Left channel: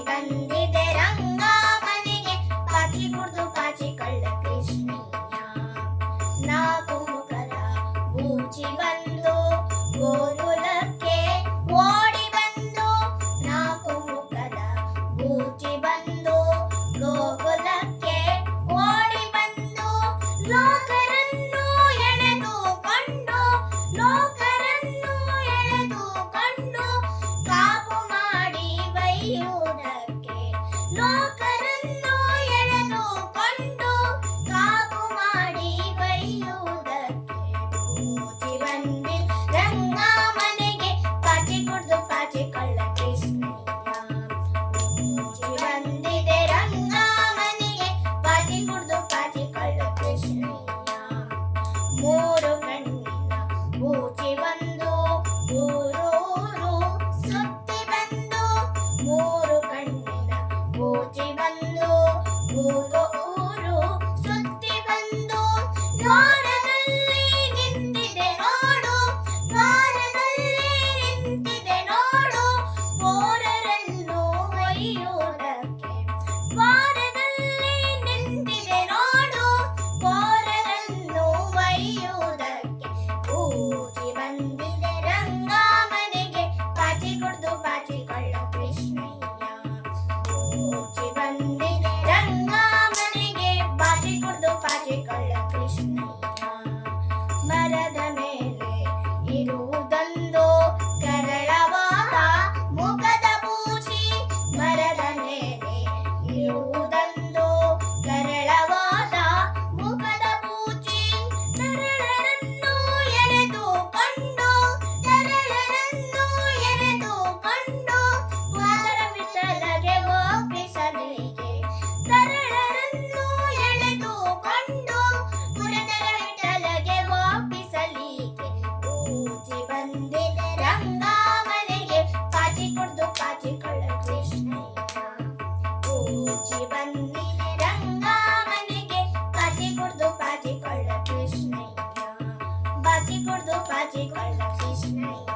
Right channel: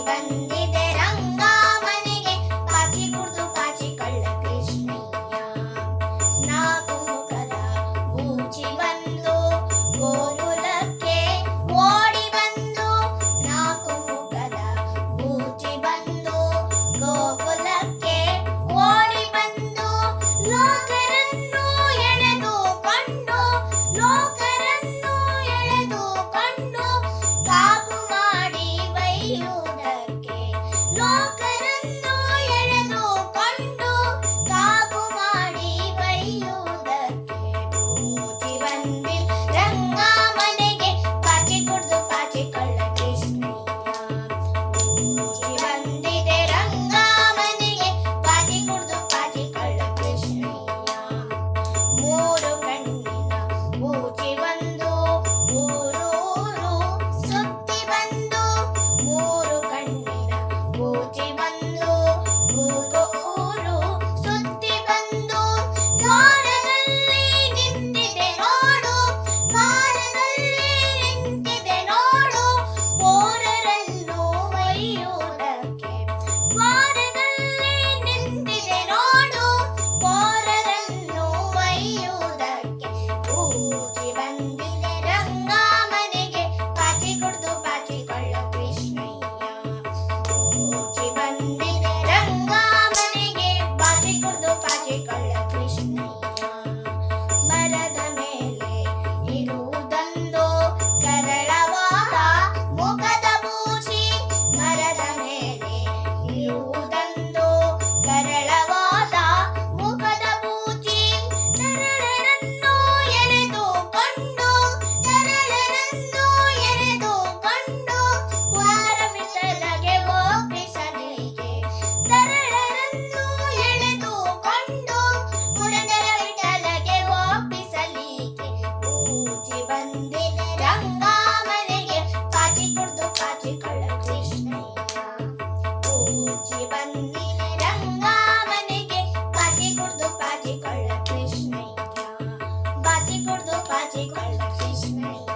ಬಂದಿದೆ ರಂಗ ಮನೆಗೆ ಪಾಚಿ ಕುಡ್ದು ಪಾಚಿ ಕಳ್ಳ ಕೃಷ್ಣಯ್ಯ. ನಾಲ್ಕು ಮುಖದ ಬೂಚಿ ಬಂದು ಗೋರುಲಕ್ಕೆ ಓಡಿ ಬಂದು ನಾಲ್ಕು ಮುಖದ ಬೂಚಿ por ti You. ಬನ್ನಿ ರಂಗ ಮನೆಗೆ ಪಾಚಿ ಕುಡ್ದು ಪಾಚಿ ಕೊಳ್ಳ ಕೃಷ್ಣಯ್ಯ ಬಾಚಿ ಕುಡ್ದು ಪಾಚಿ ಕೊಳ್ಳ ಕೃಷ್ಣಯ್ಯ